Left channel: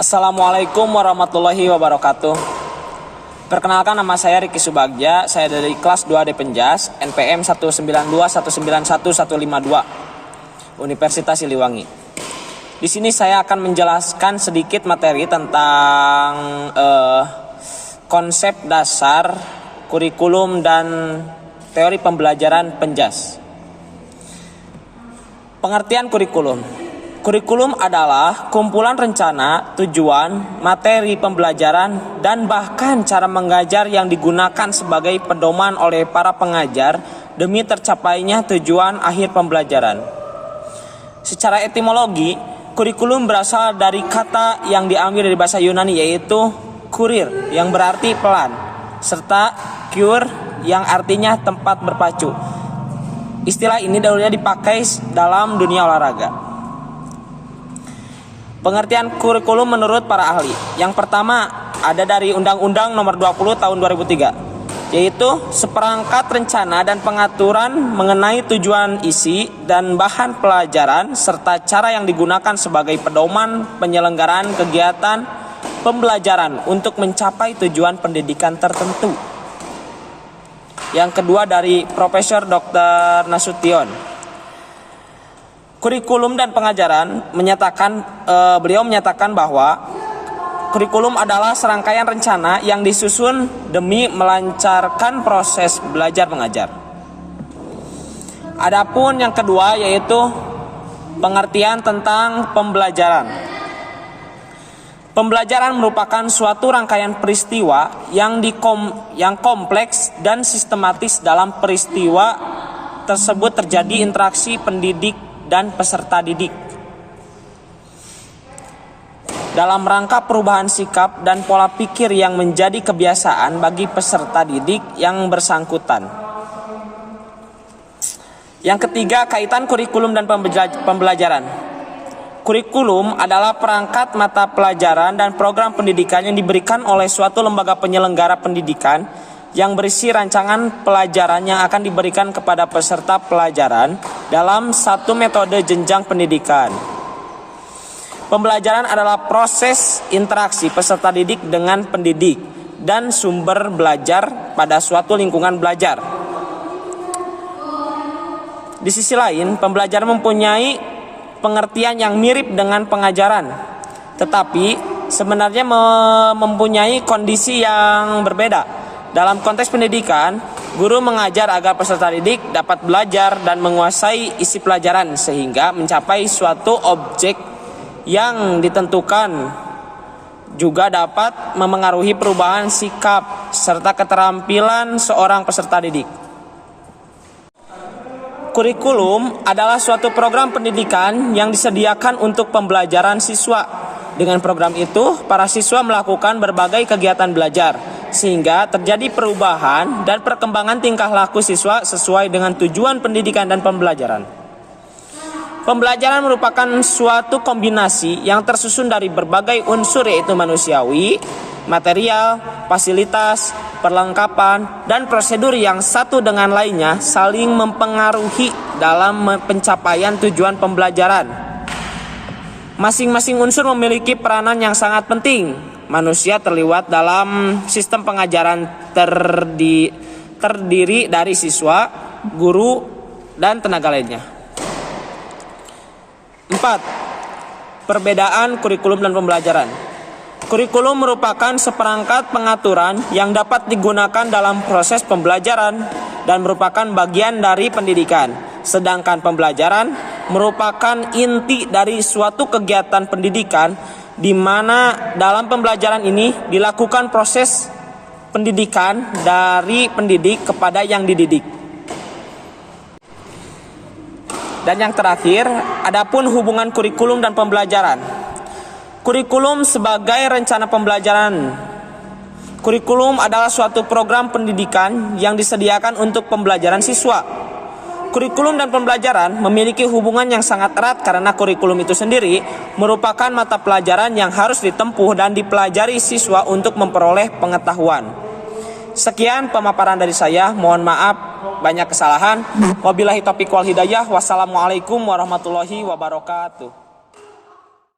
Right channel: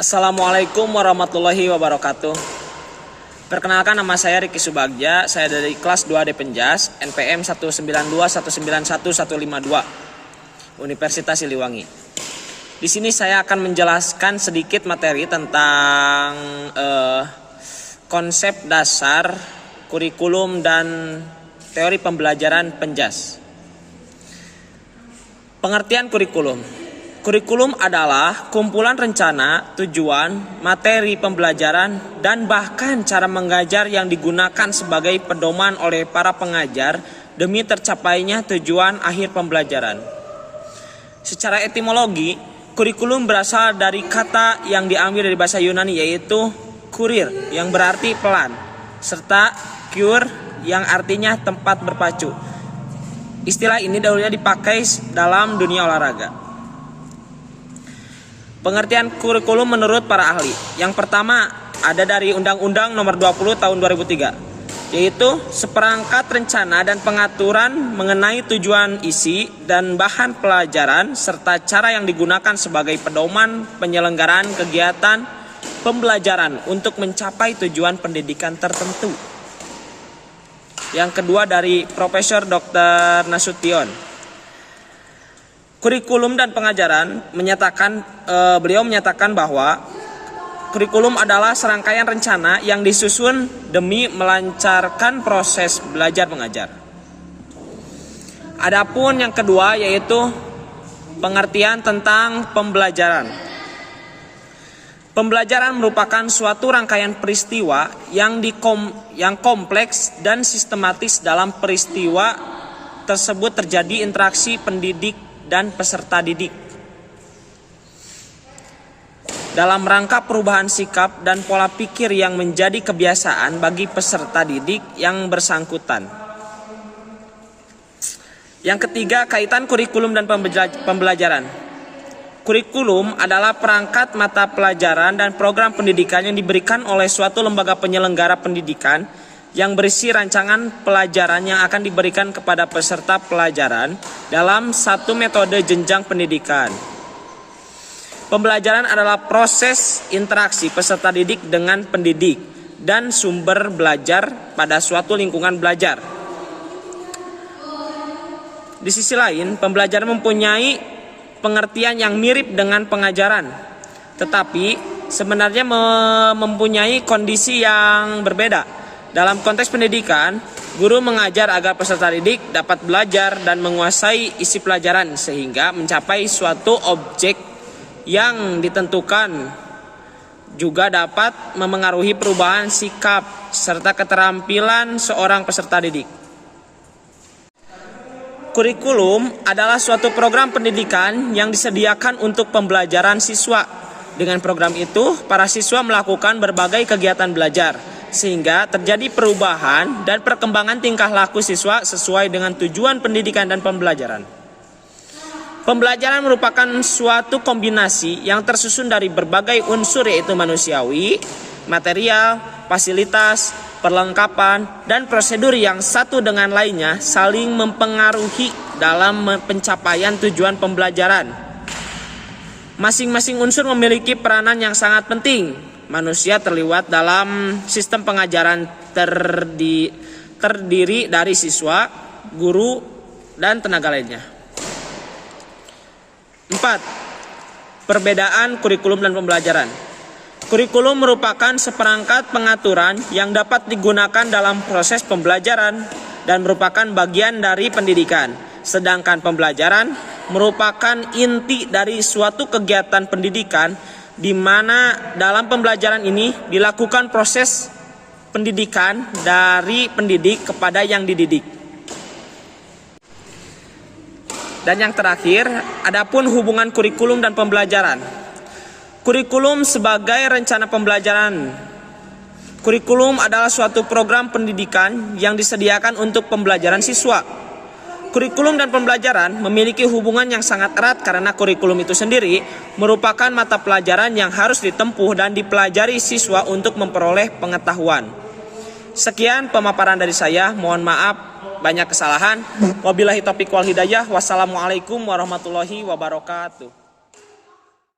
Assalamualaikum warahmatullahi wabarakatuh. Perkenalkan, nama saya Riki Subagja. Saya dari kelas 2D Penjas, NPM 192191152, Universitas Siliwangi. Di sini saya akan menjelaskan sedikit materi tentang konsep dasar, kurikulum, dan teori pembelajaran Penjas. Pengertian kurikulum. Kurikulum adalah kumpulan rencana, tujuan, materi pembelajaran, dan bahkan cara mengajar yang digunakan sebagai pedoman oleh para pengajar demi tercapainya tujuan akhir pembelajaran. Secara etimologi, kurikulum berasal dari kata yang diambil dari bahasa Yunani, yaitu kurir yang berarti pelan, serta cure yang artinya tempat berpacu. Istilah ini dahulunya dipakai dalam dunia olahraga. Pengertian kurikulum menurut para ahli. Yang pertama ada dari Undang-Undang Nomor 20 Tahun 2003, yaitu seperangkat rencana dan pengaturan mengenai tujuan, isi, dan bahan pelajaran serta cara yang digunakan sebagai pedoman penyelenggaraan kegiatan pembelajaran untuk mencapai tujuan pendidikan tertentu. Yang kedua dari Profesor Dr. Nasution. Kurikulum dan pengajaran beliau menyatakan bahwa kurikulum adalah serangkaian rencana yang disusun demi melancarkan proses belajar mengajar. Adapun yang kedua yaitu pengertian tentang pembelajaran. Pembelajaran merupakan suatu rangkaian peristiwa yang kompleks dan sistematis. Dalam peristiwa tersebut terjadi interaksi pendidik dan peserta didik dalam rangka perubahan sikap dan pola pikir yang menjadi kebiasaan bagi peserta didik yang bersangkutan. Yang ketiga, kaitan kurikulum dan pembelajaran. Kurikulum adalah perangkat mata pelajaran dan program pendidikan yang diberikan oleh suatu lembaga penyelenggara pendidikan yang berisi rancangan pelajaran yang akan diberikan kepada peserta pelajaran dalam satu metode jenjang pendidikan. Pembelajaran adalah proses interaksi peserta didik dengan pendidik dan sumber belajar pada suatu lingkungan belajar. Di sisi lain, pembelajaran mempunyai pengertian yang mirip dengan pengajaran, tetapi sebenarnya mempunyai kondisi yang berbeda. Dalam konteks pendidikan, guru mengajar agar peserta didik dapat belajar dan menguasai isi pelajaran sehingga mencapai suatu objek yang ditentukan. Juga dapat memengaruhi perubahan sikap serta keterampilan seorang peserta didik. Kurikulum adalah suatu program pendidikan yang disediakan untuk pembelajaran siswa. Dengan program itu, para siswa melakukan berbagai kegiatan belajar, sehingga terjadi perubahan dan perkembangan tingkah laku siswa sesuai dengan tujuan pendidikan dan pembelajaran. Pembelajaran merupakan suatu kombinasi yang tersusun dari berbagai unsur, yaitu manusiawi, material, fasilitas, perlengkapan, dan prosedur yang satu dengan lainnya saling mempengaruhi dalam pencapaian tujuan pembelajaran. Masing-masing unsur memiliki peranan yang sangat penting. Manusia terlibat dalam sistem pengajaran terdiri dari siswa, guru, dan tenaga lainnya. 4. Perbedaan kurikulum dan pembelajaran. Kurikulum merupakan seperangkat pengaturan yang dapat digunakan dalam proses pembelajaran dan merupakan bagian dari pendidikan. Sedangkan pembelajaran merupakan inti dari suatu kegiatan pendidikan, di mana dalam pembelajaran ini dilakukan proses pendidikan dari pendidik kepada yang dididik. Dan yang terakhir, adapun hubungan kurikulum dan pembelajaran. Kurikulum sebagai rencana pembelajaran. Kurikulum adalah suatu program pendidikan yang disediakan untuk pembelajaran siswa. Kurikulum dan pembelajaran memiliki hubungan yang sangat erat karena kurikulum itu sendiri merupakan mata pelajaran yang harus ditempuh dan dipelajari siswa untuk memperoleh pengetahuan. Sekian pemaparan dari saya, mohon maaf banyak kesalahan. Wabillahi taufiq wal hidayah. Wassalamualaikum warahmatullahi wabarakatuh.